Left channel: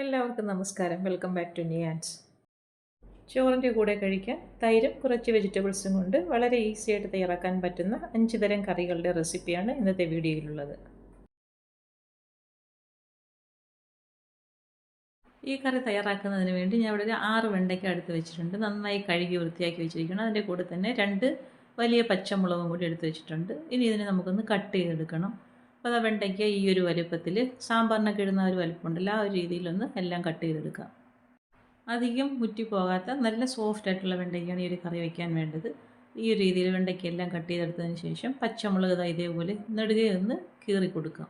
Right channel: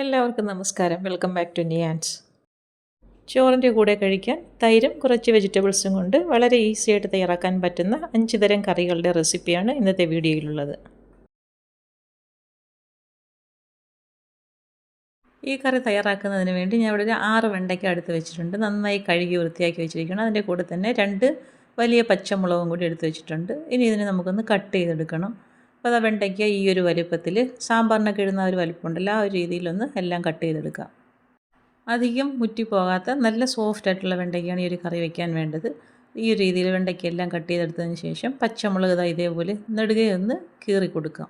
എല്ലാവർക്കും നമസ്കാരം. Welcome back to Niyans. ചോറിൻ്റെ കൂടെ കഴിക്കാൻ തൈരും കുറച്ച് വെജിറ്റബിൾസും കൊണ്ട് വളരെ ഈസി ആയിട്ട് തയ്യാറാക്കാൻ പറ്റുന്ന 5 തരം കറികളുടെ റെസിപ്പിയാണ് ഇന്നത്തെ വീഡിയോയിലുള്ളത്. ഈ കറി തയ്യാറാക്കുന്നതിന് വേണ്ടി ഞാൻ ഇവിടെ ഒരു 6 വെണ്ടയ്ക്ക എടുത്ത് വെച്ചിട്ടുണ്ട്. നന്നായി കഴുകി വൃത്തിയാക്കി വെച്ചിരിക്കണം. അതിൻ്റെ കൂടെ തന്നെ 2 വലിയ പച്ചമുളകും കൂടി എടുത്ത് വെച്ചിട്ടുണ്ട്. ഇനി ഇതിനെ നമുക്കൊന്ന് കട്ട് ചെയ്തെടുക്കണം. അപ്പോൾ അതാ വെണ്ടയ്ക്ക ഈ ഒരു വലുപ്പത്തിൽ സാമ്പാറിനൊക്കെ ഇടുന്ന ഒരു വലുപ്പമുണ്ടല്ലോ, ആ ഒരു രീതിയിലൊന്ന് എല്ലാം കട്ട് ചെയ്തെടുക്കാം. അധികം മുറ്റിപ്പോകാത്ത നല്ല സോഫ്റ്റ് ആയിട്ടുള്ള വെണ്ടയ്ക്കയാണ് ഈ ഒരു കറി വയ്ക്കാൻ വേണ്ടത്. ഈ ഒരു രീതിയിൽ വെണ്ടയ്ക്കെല്ലാം കട്ട് ചെയ്തെടുത്തതിന് ശേഷം പച്ചമുളക് ഇതേപോലെ നെടുകയൊന്ന് കീറി കൊടുക്കാം.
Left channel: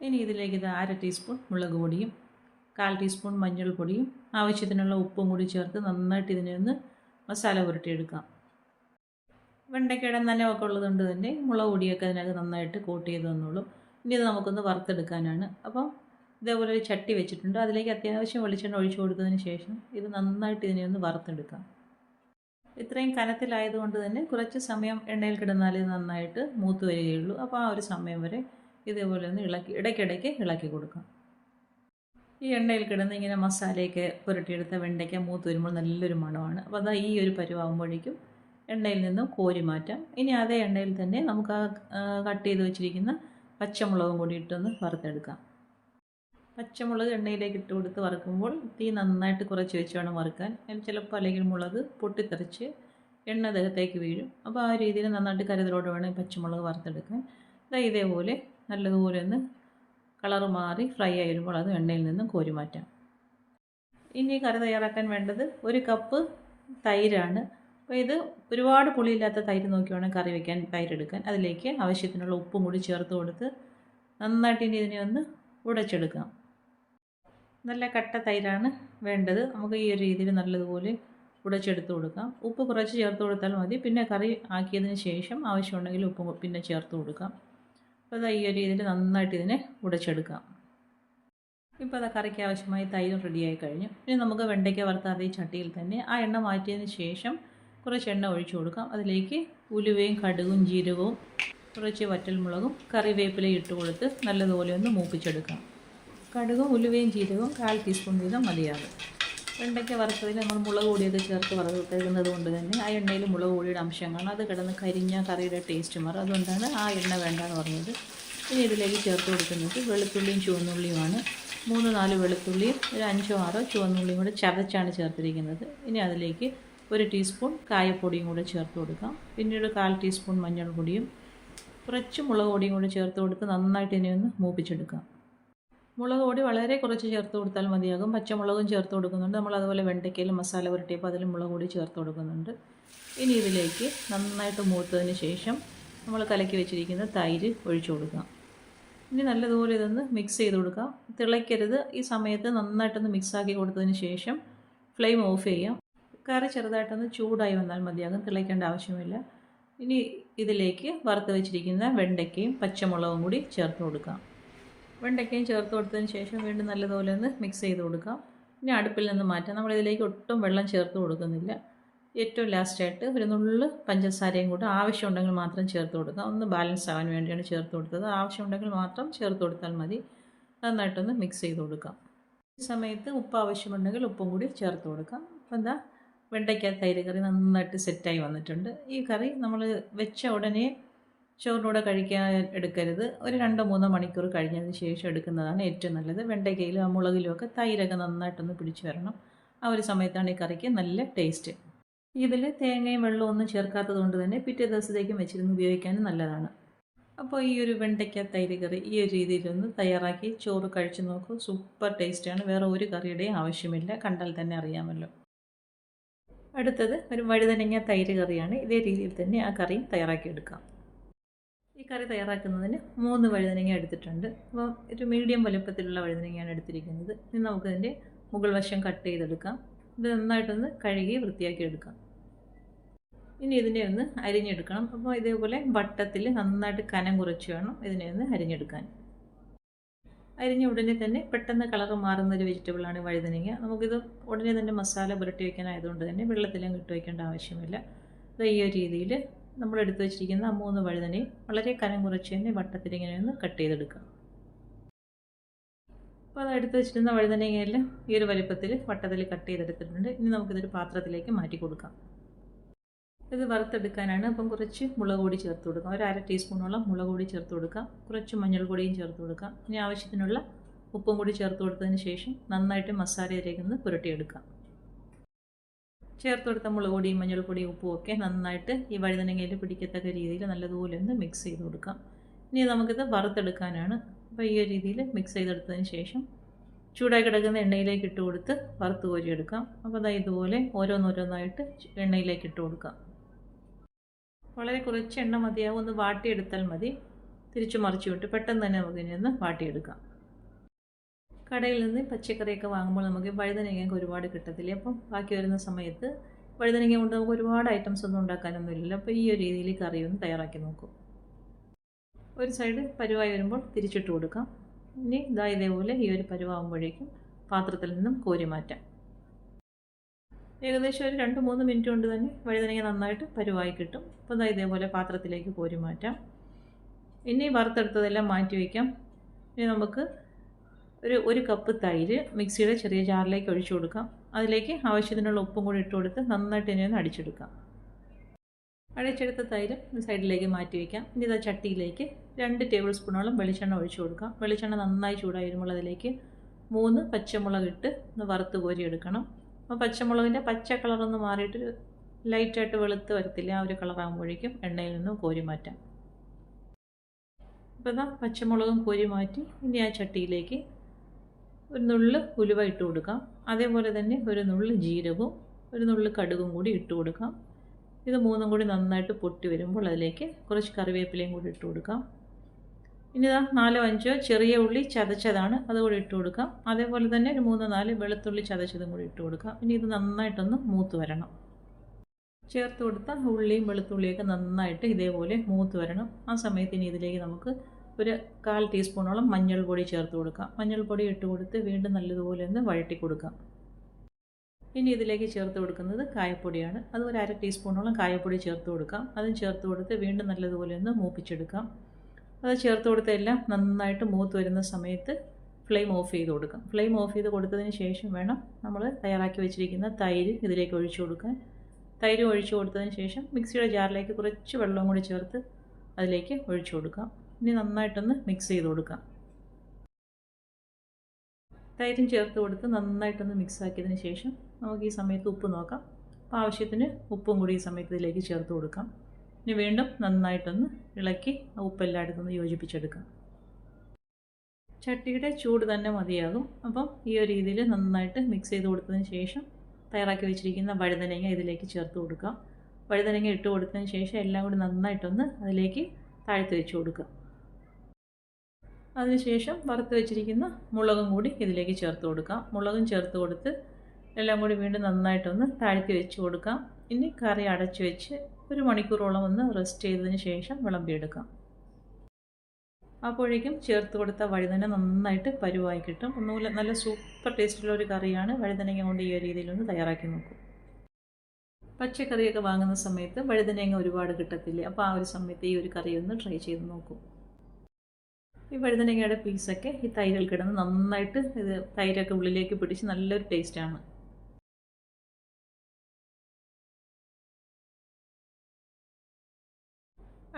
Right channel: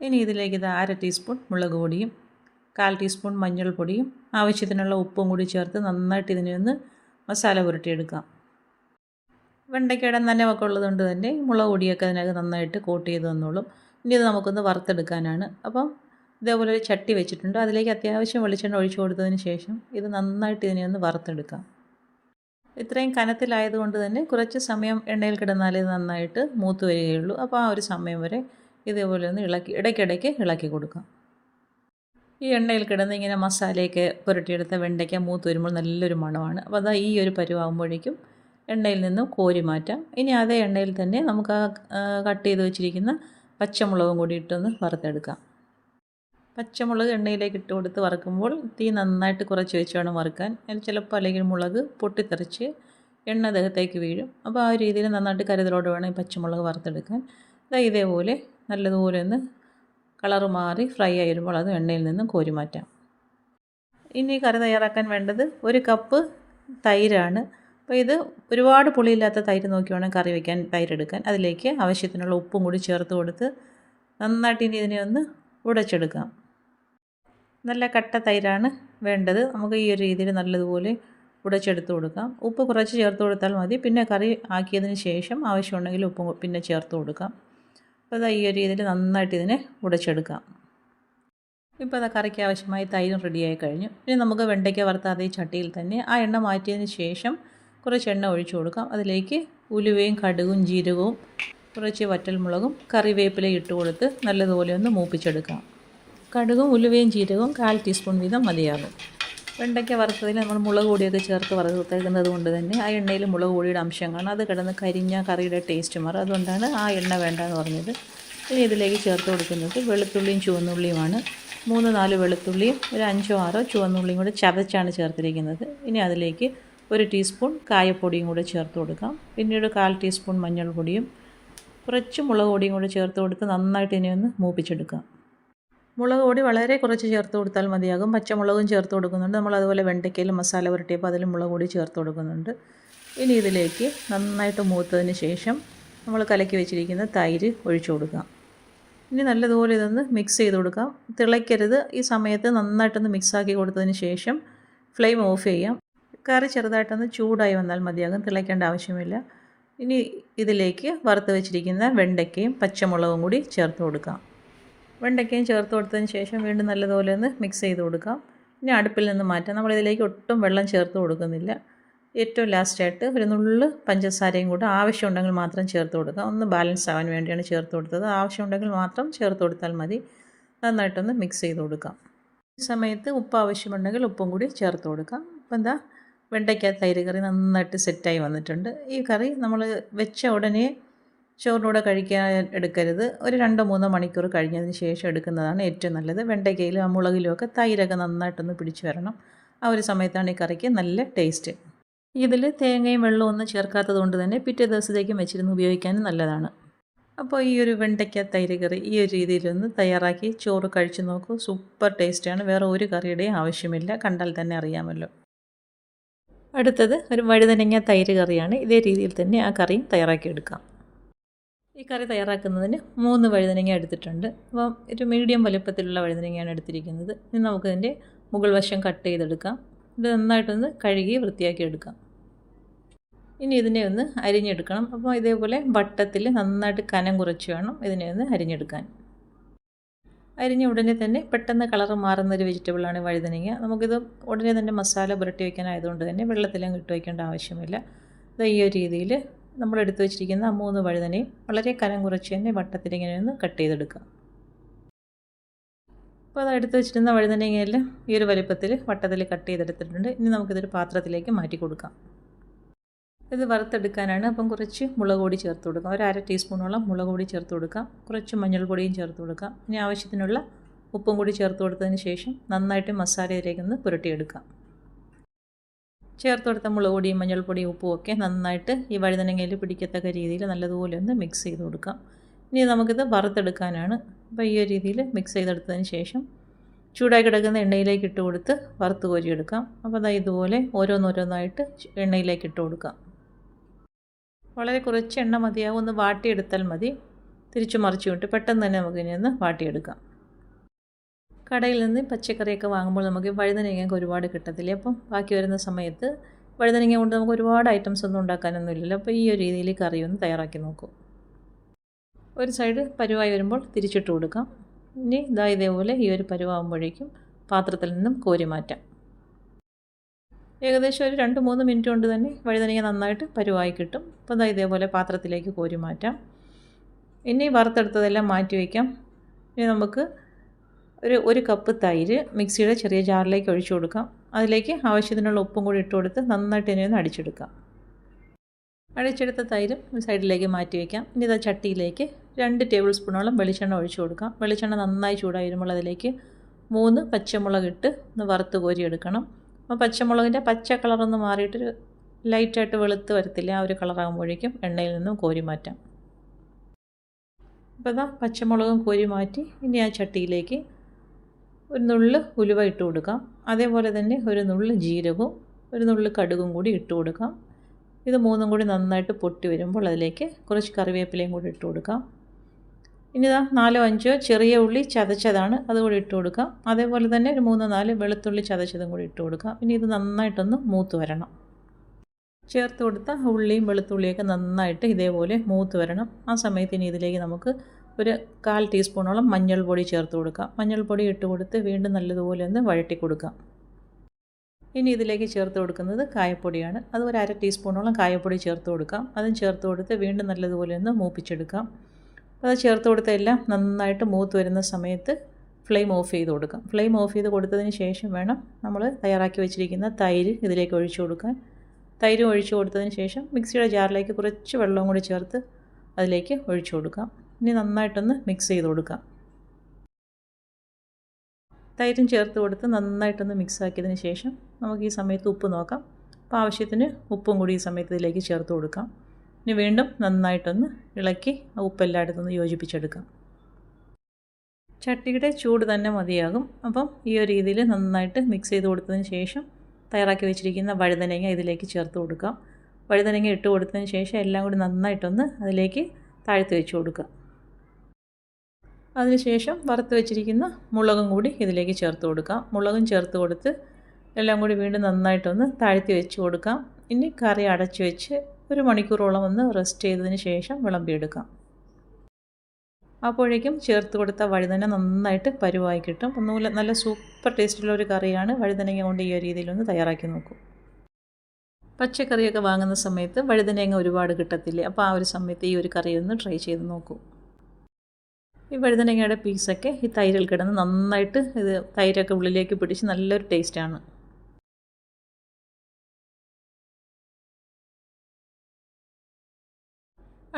ഇനി ഇതിലേക്ക് 1/2 ടീസ്പൂൺ മുളക് പൊടിയും 1/4 ടീസ്പൂൺ മഞ്ഞൾപ്പൊടിയും ആവശ്യത്തിനുള്ള ഉപ്പും കൂടി ചേർത്ത് നന്നായിട്ട് ഇതിനെ ഒന്ന് മസാല പുരട്ടിയെടുക്കാം. വെണ്ടയ്ക്കയുടെ നനവൊക്കെ ഉള്ളതുകൊണ്ട് തന്നെ മുളക് പൊടിയൊക്കെ അതിനകത്ത് നന്നായിട്ട് കോട്ട് ചെയ്ത് വന്നോളും. ഇനി ഇത് നമുക്കൊന്ന് വറുത്തെടുക്കാനാണ്. അപ്പം ഇതേപോലെ ഒരു ചട്ടി വെച്ചിട്ടുണ്ട്. അതിലേക്ക് അത്യാവശ്യം വെളിച്ചെണ്ണ ഒഴിച്ചു കൊടുത്തതിന് ശേഷം ഇത് നന്നായിട്ട് ഇതിനെ ഒന്ന് വറുത്തെടുക്കാം. ഇത്രയും കനത്തിലായതുകൊണ്ട് തന്നെ കുറച്ച് സമയം എണ്ണയിൽ കിടന്നാലേ ഇത് നന്നായിട്ട് മൂത്ത് വരികയുള്ളൂ. അപ്പോൾ ആ ഒരു സമയം വരെ ഇതേപോലെ ഒന്ന് ഇടയ്ക്കിടയ്ക്ക് ഇളക്കി കൊടുക്കാം. ഈ എണ്ണയിൽ കിടന്ന് ഇങ്ങനെ മസാലയൊക്കെ പുരട്ടിയെടുത്ത വെണ്ടയ്ക്ക മൂത്ത് വരുമ്പോൾ നല്ലൊരു മണമാണ്. അപ്പോൾ അതാ ഈ ഒരു പരുവാകുമ്പോഴേക്കും എണ്ണയിൽ നിന്നും കോരി മാറ്റാം. ഇനി അതേ എണ്ണയിൽ തന്നെ നമുക്ക് കട്ട് ചെയ്ത് വെച്ചിരിക്കുന്ന പച്ചമുളകും കൂടി ഇട്ടൊന്ന് വറുത്തെടുക്കാം. പച്ചമുളക് എണ്ണയിലേക്ക് ഇട്ട് കൊടുത്ത് വറുക്കുമ്പോൾ തീ നന്നായിട്ട് കുറച്ച് വെച്ച് വേണം വറുക്കാൻ. ചിലപ്പോൾ അല്ലെങ്കിൽ മുളക് പൊട്ടിത്തെറിച്ച് എണ്ണ ദേഹത്തേക്ക് വീഴും. അപ്പോൾ ആ രീതിയിൽ നന്നായിട്ട് കരുതലോടെ വേണം ഈ പച്ചമുളക് വറുത്തെടുക്കാൻ. ഇതേപോലെ നല്ലതുപോലെ ഒന്ന് കളറ് മാറി ഫ്രൈ ആയി വരുമ്പോൾ അത് എണ്ണയിൽ നിന്നും കോരി മാറ്റാം. ഇനി കറി തയ്യാറാക്കാൻ വേണ്ടത് 1 കപ്പ് തൈരാണ്. അപ്പോൾ ഇത് ഒരുപാട് പുളിയില്ലാത്ത തൈര് നോക്കി വേണം കറി വയ്ക്കാൻ തൈരെടുക്കാൻ. അതിലേക്ക് ആവശ്യത്തിനുള്ള ഉപ്പും കൂടി ചേർത്ത് കൊടുത്ത് നന്നായിട്ട് ഇനി ഇതിനെ ഒന്ന് ഉടച്ചെടുക്കാം. നല്ല കട്ട തൈരാണ് വേണ്ടത്. നമുക്ക് ഈ ഒരു രീതിയിൽ നല്ലതുപോലെ ഉടച്ചെടുത്ത് കൊടുക്കാം. ഉപ്പ് കുറച്ച് ചേർത്ത് കൊടുത്താൽ മതി. പിന്നെ കറി ആക്കിയതിന് ശേഷം ആവശ്യമുണ്ടെങ്കിൽ ഉപ്പ് പിന്നെ ചേർത്ത് കൊടുക്കാം. അപ്പോൾ ഈ ഒരു രീതിയിൽ നന്നായിട്ട് ഇതിനെ ഉടച്ചെടുക്കാം. ഇപ്പോൾ കറിക്ക് ആവശ്യമായി തൈരും റെഡിയായി കഴിഞ്ഞു. ഇനി നമുക്ക് വെണ്ടയ്ക്ക വറുത്ത അതേ ചട്ടിയിൽ തന്നെ ആ എണ്ണ മാറ്റിയതിന് ശേഷം കുറച്ച് എണ്ണ ഒഴിച്ചു കൊടുക്കാം. അതിലേക്ക് ഉലുവയും കടുകും ജീരകവും കുറച്ച് വറ്റൽമുളകും കറിവേപ്പിലയും ഇട്ട് കൊടുത്ത് നല്ലതുപോലെ ഒന്ന് മൂപ്പിച്ചെടുക്കാം. കടുകും ഉലുവയും ജീരകവും 1/4 ടീസ്പൂൺ വീതം മതിയാകും. വെണ്ടയ്ക്ക വറുത്തതിൽ നമ്മൾ മുളക് പൊടിയൊക്കെ ചേർത്ത് വറുത്തെടുക്കുന്നത് കൊണ്ട് തന്നെ ആ എണ്ണയിൽ മുളക് പൊടിയുടെ അംശം കാണും. അത് കിടന്ന് കരിഞ്ഞ കറിയുടെ ടേസ്റ്റ് മാറും. അതുകൊണ്ടാണ് ആ എണ്ണ വേണ്ടെന്ന് പറഞ്ഞത്. ഇനി ഇതിലേക്ക് ചേർത്ത് കൊടുക്കുന്നത് വെളുത്തുള്ളിയും ചുവന്നുള്ളിയുമാണ്. 3-4 വെളുത്തുള്ളിയും ഒരു 5-6 ചുവന്നുള്ളിയും കൂടെ ചതച്ചാണ് ചേർത്തിരിക്കുന്നത്. ഇനി അതിലേക്ക് 1 ടീസ്പൂൺ കായപ്പൊടിയും കൂടെ ചേർത്ത് കൊടുക്കാം. പിന്നീട് 1/4 ടീസ്പൂൺ മഞ്ഞൾപ്പൊടിയും കുറച്ച് മുളക് പൊടിയും കൂടെ ചേർത്ത് കൊടുത്ത് നന്നായിട്ട് ഇനി ഒന്ന് മൂപ്പിച്ചെടുക്കാം. മുളക് പൊടി വളരെ കുറച്ച് ചേർത്ത് കൊടുത്താൽ മതിയാകും. പച്ചമുളകും ചേർത്ത് കൊടുക്കുന്നുണ്ട്. നമ്മൾ അതുപോലെ വെണ്ടയ്ക്കയിൽ മസാല പുരട്ടിയപ്പോൾ അതിൽ മുളക് പൊടി ചേർത്ത് കൊടുക്കുന്നുണ്ട്. ഇനി ഇതിലേക്ക് നന്നായിട്ട് മൂത്തതിന് ശേഷം നമ്മൾ കലക്കി വെച്ചിരിക്കുന്ന തൈര് ഒഴിച്ചു കൊടുക്കാം. ഇനി നല്ലതുപോലെ ഇതൊന്ന് മിക്സ് ചെയ്ത് കൊടുക്കാം. തിളയ്ക്കരുത്. ഈ സമയത്ത് നന്നായിട്ടൊന്ന് മിക്സാക്കി കൊടുത്തതിന് ശേഷം ഫ്ലെയിം ഓഫ് ചെയ്യാം. കറി ചെറുതായിട്ടൊന്ന് ചൂടായി വന്നാൽ മതിയാകും. തിളയ്ക്കേണ്ട ആവശ്യമില്ല. ഇനി ഇതിലേക്ക് വറുത്ത് വെച്ചിരിക്കുന്ന വെണ്ടയ്ക്കയും പച്ചമുളകും കൂടി ചേർത്ത് കൊടുക്കാം. വെണ്ടയ്ക്കയും ചേർത്ത് കൊടുത്തതിന് ശേഷം വീണ്ടും നല്ലതുപോലെ ഒന്ന് മിക്സ് ചെയ്ത് കൊടുക്കാം. ഇനി അടുപ്പിൽ നിന്ന് മാറ്റാം. നമ്മളിതിലേക്ക് ഒട്ടും വെള്ളം ചേർത്ത് കൊടുക്കുന്നില്ല. ഏറ്റവും ലാസ്റ്റായിട്ട് ഒരു നുള്ള് പഞ്ചസാരയും കൂടെ ആവശ്യമുണ്ടെങ്കിൽ മാത്രം ചേർത്ത് കൊടുക്കാം. ഒന്ന് ബാലൻസ് ആവാൻ വേണ്ടിയാണ് ചേർത്ത് കൊടുത്തത്. ആവശ്യമുണ്ടെങ്കിൽ മാത്രം ചേർത്ത് കൊടുത്താൽ മതി. നന്നായിട്ടൊന്ന് മിക്സ് ചെയ്ത് കൊടുക്കാം. ഈ സമയത്ത് ഉപ്പ് ആവശ്യമുണ്ടെങ്കിൽ ഉപ്പും കൂടി ചേർത്ത് കൊടുക്കാം. അപ്പോൾ വെണ്ടയ്ക്ക തൈര് കറി നന്നായിട്ട് സെറ്റായി വന്നിട്ടുണ്ട്. ഈ കറി നമ്മൾ വെച്ച ഉടനെ ചോറിനൂടെ കഴിക്കാൻ എടുക്കരുത്. ഒരു 2-3 മണിക്കൂർ കഴിഞ്ഞതിന് ശേഷം എടുക്കുന്നതാണ് ഏറ്റവും നല്ലത്. വെണ്ടയ്ക്കയിലും ആ മുളകിലും ഒക്കെ തൈരൊക്കെ നന്നായിട്ടൊന്ന് പിടിച്ച് വരണം. ആ ഒരു സമയത്താണ് ഈ കറിക്ക് നല്ല ടേസ്റ്റ്. ഇതിൽ തേങ്ങയും വെള്ളവും ഒന്നും ചേർക്കാത്തത് കൊണ്ട് തന്നെ പിറ്റേ ദിവസത്തേക്കും വെച്ചിരുന്ന് ഉപയോഗിക്കാനും നല്ലതാണ്. അപ്പോൾ ഈ ഒരു വെണ്ടയ്ക്ക തൈര് കറി ഈ ഒരു രീതിയിലൊന്ന് തയ്യാറാക്കി ചോറ് കഴിച്ച് നോക്കൂ. സൂപ്പർ ടേസ്റ്റാണ്. വേറെ ഒരു കറിയുടെയും ആവശ്യമില്ല. കണ്ടാൽ തന്നെ അറിയാമല്ലോ. അടുത്തത് ഒരു വഴുതനങ്ങ തൈര് കറിയാണ്. ഇതേ രീതിയിൽ തന്നെ ആ കറിയും തയ്യാറാക്കിയെടുക്കാം. ഈ കറി തയ്യാറാക്കുന്നതിന് 3 വഴുതനങ്ങ എടുത്തിട്ടുണ്ട്. അപ്പോൾ ഒരു മീഡിയം വലുപ്പത്തിലുള്ള വഴുതനങ്ങയാണ് എടുത്തിരിക്കുന്നത്. ഇനി നമുക്കതിൻ്റെ മുകൾ വശം കട്ട് ചെയ്തെടുക്കാം. ഇത് നന്നായിട്ടൊന്ന് കഴുകി വൃത്തിയാക്കി എടുക്കാം. ഇനി ഇതിനെ ഒന്ന് അരിഞ്ഞെടുക്കണം. അപ്പോൾ ഇതേപോലെ വട്ടത്തിൽ നന്നായിട്ട് കനം കുറച്ച് വേണം ഇതിനെ ഒന്ന് അരിഞ്ഞെടുക്കാൻ. അരിഞ്ഞ ഉടനെ തന്നെ പെട്ടെന്ന് കളറ് മാറുന്നൊരു വെജിറ്റബിളാണ് വഴുതനങ്ങ. നമുക്കിത് ഉടനെ തന്നെ മസാല പുരട്ടി വയ്ക്കാനായതുകൊണ്ട് തന്നെ വെള്ളത്തിലും ഇട്ട് വയ്ക്കേണ്ട ആവശ്യമില്ല. ഇത് ഈ ഒരു രീതിയിൽ നമ്മൾ എടുത്തു വെച്ചിരിക്കുന്ന 3 വഴുതനയും വളരെ കനം കുറച്ച് തന്നെ വട്ടത്തിൽ ഇങ്ങനെ ഒന്ന് കട്ട് ചെയ്തെടുക്കാം. അപ്പോൾ അത് എടുത്ത് വെച്ചിരുന്ന വഴുതനങ്ങയെല്ലാം ഈ ഒരു വലിപ്പത്തിൽ വട്ടത്തിൽ കട്ട് ചെയ്തെടുത്തിട്ടുണ്ട്. ഇനി നമുക്കിതൊരു പാത്രത്തിലേക്ക് മാറ്റി കൊടുക്കാം. ഇത് വറുത്തെടുക്കാനാണ്. അപ്പം കുറച്ച് മുളക് പൊടി ചേർത്ത് കൊടുക്കാം. ഒരു 1/2 ടീസ്പൂണോളം മുളക് പൊടി ചേർത്ത് കൊടുക്കാം. കുറച്ച് മഞ്ഞൾപ്പൊടിയും ചേർത്ത് കൊടുക്കാം. ഇനി ആവശ്യത്തിനുള്ള ഉപ്പും കൂടി ചേർത്ത് കൊടുത്തതിന് ശേഷം നന്നായിട്ട് മസാലയിലേക്കൊന്ന് പുരട്ടിയെടുക്കാം. ചേർത്ത് കൊടുത്ത മുളക് പൊടിയും മഞ്ഞൾപ്പൊടിയും ഉപ്പും ഒക്കെ നന്നായിട്ട് ഈ വഴുതനങ്ങയിൽ പിടിക്കത്തക്ക രീതിയിൽ നല്ലതുപോലെ ഒന്ന് മിക്സ് ചെയ്ത് കൊടുക്കാം. ഇനി നമുക്കിത് വറുത്തെടുക്കാനാണ്. അപ്പോൾ ഈ ഒരു രീതിയിൽ മിക്സ് ചെയ്തെടുത്തതിന് ശേഷം ചൂടായി കിടക്കുന്ന എണ്ണയിലേക്ക് ഇട്ട് കൊടുത്ത് വറുത്ത് കോരിയെടുക്കാം. അപ്പോൾ അതാ ഇതുപോലെ ഓരോന്നോരോന്നായിട്ട് എണ്ണയിലേക്ക് ഇട്ട് കൊടുക്കാം. വളരെ കുറച്ച് എണ്ണ മതിയാവും. ഒന്ന് വാട്ടിയെടുത്താൽ മതി. തിരിച്ചു മറിച്ചു വിട്ട് പെട്ടെന്ന് തന്നെ നമുക്കിനി ഒന്ന് വാട്ടിയെടുക്കാം. കടയിൽ നിന്ന് പച്ചക്കറിയൊക്കെ വാങ്ങുമ്പോൾ നമുക്ക് വഴുതനങ്ങയൊക്കെ ഒരുപാട് കിട്ടത്തില്ല. അപ്പം ബാക്കി വരുന്ന സമയത്ത് വഴുതനങ്ങ കൊണ്ട് നമുക്ക് ഒരുപാട് ഐറ്റംസ് ഒന്നും ഉണ്ടാക്കാനൊന്നും ഇല്ലല്ലോ. അപ്പോൾ ഈ ഒരു രീതിയിൽ കറി ഒന്ന് തയ്യാറാക്കി നോക്കും. ഒരു സൈഡ് പരുവായി വരുമ്പോൾ തിരിച്ചിട്ട് കൊടുക്കാം. ഇനി ഇതേപോലെ ഈ ഒരു പരുവാകുമ്പോഴേക്കും പാത്രത്തിൽ നിന്നും കോരി മാറ്റാം. ഏകദേശം ഒരു 2-3 മിനിറ്റ് കൊണ്ട് തന്നെ വഴുതനങ്ങ നന്നായിട്ട് പരുവായി കിട്ടും. അപ്പോൾ ഇതേപോലെ പാത്രത്തിലേക്ക് കോരി മാറ്റാം. ഇനി വറുത്തെടുത്തതെല്ലാം മാറ്റി വയ്ക്കാം. ഇനി നമുക്ക് ഒരു കപ്പ് തൈര് മിക്സിയുടെ ചെറിയ ജാറിലേക്ക് ഒഴിച്ചു കൊടുക്കാം. അതിലേക്ക് ആവശ്യത്തിനുള്ള ഉപ്പും കൂടി ഇട്ട് കൊടുത്ത് നന്നായിട്ട് ഇനി ഒന്ന് അടിച്ചെടുക്കാം. അടിച്ചെടുത്ത തൈര് സൈഡിലേക്ക് മാറ്റി വയ്ക്കാം. ഇനി ഇതാ ചട്ടിയിലേക്ക് 2 ടേബിൾ സ്പൂണോളം വെളിച്ചെണ്ണ ഒഴിച്ചു കൊടുക്കാം. വെളിച്ചെണ്ണ നന്നായി ചൂടായി വരുമ്പോൾ അതിലേക്ക് 3 പച്ചമുളക് ഇട്ട് ഒന്ന് വറുത്ത് കോരിയെടുക്കണം. അപ്പോൾ പച്ചമുളകിൻ്റെ പച്ച കളറൊന്ന് മാറിയിട്ട് ലൈറ്റായിട്ട് വെളുത്ത് വരത്തില്ല. ആ ഒരു കളറാകുമ്പോഴേക്കും എണ്ണയിൽ നിന്നും കോരി മാറ്റാം. അപ്പോൾ ഇതാ പച്ചമുളകും കോരി മാറ്റി ഇനി ആ ചട്ടിയിലേക്ക് ഒരു നുള്ള് ഉലുവ ഇട്ട് കൊടുക്കാം. അതേപോലെ തന്നെ ഒരു നുള്ള് ജീരകവും ഒരു നുള്ള് കടുകും കൂടി ഇട്ട് കൊടുക്കാം. ഇത് മൂന്നും കൂടി നന്നായിട്ട് പൊട്ടി വരുമ്പോൾ അതിലേക്ക് കുറച്ച് കറിവേപ്പിലയും കൂടി ഇട്ട് കൊടുക്കാം. ഇനി ഇതാ 4-5 ചെറിയ ഉള്ളി ചതച്ചതാണ്, അതുകൂടി ഇട്ട് കൊടുക്കാം. അതേപോലെ തന്നെ ഒരു 3-4 വെളുത്തുള്ളി ചതച്ചതും കൂടി ഇട്ട് കൊടുക്കാം. ഇനി ഇത് നന്നായിട്ടൊന്ന് മൂത്ത് വരണം. ചേർത്ത് കൊടുത്ത ഉള്ളിയും വെളുത്തുള്ളിയൊക്കെ നന്നായിട്ട് ഇതേപോലെ മൂത്ത് വരണം. ആ സമയത്ത് ഇനി ഇതിലേക്ക് നമുക്ക് ഒരു 1/4 ടീസ്പൂണോളം മഞ്ഞൾപ്പൊടി ചേർത്ത് കൊടുക്കാം. മഞ്ഞൾപ്പൊടി ഇട്ട് കൊടുത്ത് വീണ്ടും നല്ലതുപോലെ ഒന്ന് വഴറ്റി കൊടുക്കാം. ഇനി ഇതിലേക്ക് ചേർത്ത് കൊടുക്കുന്നത് കായപ്പൊടിയാണ്. അത് ഒരു 1/2 ടീസ്പൂണോളം കായപ്പൊടി ചേർത്ത് കൊടുക്കാം. അതും ചേർത്ത് കൊടുത്ത് വീണ്ടും നല്ലതുപോലെ ഒന്ന് മൂപ്പിച്ചെടുക്കാം. അത് ചേർത്ത് കൊടുത്ത എല്ലാം നന്നായിട്ട് മൂത്ത് വരുന്ന സമയത്ത് ഫ്ലെയിം ഓഫ് ചെയ്ത് കൊടുക്കാം. ഫ്ലെയിം ഓഫ് ചെയ്ത് കൊടുത്തതിന് ശേഷം വേണം നമ്മൾ തയ്യാറാക്കി വെച്ചിരിക്കുന്ന തൈര് ഇതിലേക്ക് ഒഴിച്ചു കൊടുക്കാൻ. തൈര് ഒഴിച്ചു കൊടുത്തതിന് ശേഷം മിക്സിയുടെ ജാറിലേക്ക് കുറച്ച് വെള്ളവും കൂടി ചേർത്ത് അതിലേക്ക് ഒഴിച്ചു കൊടുക്കാം. ഇനി നന്നായിട്ടൊന്ന് മിക്സ് ചെയ്ത് കൊടുക്കാം. തൈരും ചേർത്ത് കൊടുത്ത് നന്നായിട്ടൊന്ന് മിക്സ് ആക്കിയതിന് ശേഷം നമുക്ക് ഈ സമയത്ത് ഉപ്പ് നോക്കാം. അപ്പോൾ ആവശ്യത്തിന് ഉപ്പും കൂടി ഈ സമയത്ത് ഇതിലേക്ക് ചേർത്ത് കൊടുക്കാം. ഇനി വീണ്ടും നന്നായിട്ടൊന്ന് ഇളക്കി ആ ഉപ്പെല്ലായിടത്തൊന്ന് യോജിപ്പിച്ചെടുക്കാം. ചട്ടിയുടെ ചൂട് തന്നെ മതിയാകും. അപ്പം ഈ ഒരു രീതിയിൽ നന്നായിട്ട് മിക്സ് ചെയ്ത് കൊടുത്തതിന് ശേഷം തയ്യാറാക്കി വെച്ചിരിക്കുന്ന വഴുതനങ്ങ ഇതിലേക്ക് ചേർത്ത് കൊടുക്കാം. വഴുതനങ്ങ ഇട്ട് കൊടുത്തതിന് ശേഷം എല്ലാം കൂടി നന്നായിട്ടൊന്ന് അതിലേക്ക് താഴ്ത്തി വെച്ച് കൊടുക്കുക. അതിനുശേഷം വറുത്ത് വെച്ചിരിക്കുന്ന മുളകും കൂടി ഇതിലേക്ക് ചേർത്ത് കൊടുക്കാം. മുളകും ചേർത്ത് കൊടുത്ത് എല്ലാം കൂടി വീണ്ടും നന്നായിട്ടൊന്ന് താഴ്ത്തി വെച്ച് കൊടുക്കാം. ഇനി കറി അടച്ചു വെച്ച് 1 മണിക്കൂറോളം ഒന്ന് റെസ്റ്റ് ചെയ്തതിന് ശേഷം വിളമ്പിയെടുക്കാം. അപ്പോഴേക്കും ചേർത്ത് കൊടുത്ത വഴുതന നന്നായിട്ട് പരുവായി കിട്ടും. ഒന്നുമില്ല, നല്ല സൂപ്പർ ടേസ്റ്റുള്ള ഒരു കറിയാണ്. വഴുതനങ്ങ കൊണ്ട് ഈ ഒരു രീതിയിലൊന്ന് തയ്യാറാക്കി നോക്കും. പച്ചക്കറിയൊക്കെ വാങ്ങുന്ന സമയത്ത് വഴുതനങ്ങ ഒരുപാട് കിട്ടത്തില്ലേ. അപ്പോൾ ആ ഒരു സമയത്ത് ഈ ഒരു കറി ഒന്ന് ട്രൈ ചെയ്ത് നോക്കൂ. ഈ വഴുതനങ്ങയുടെ പീസൊക്കെ ഈ തൈരിൽ കിടന്ന് നന്നായിട്ട് ഇത് തൈരൊക്കെ ഉള്ളിലേക്ക് പിടിച്ച് നല്ലൊരു ടേസ്റ്റാണ്.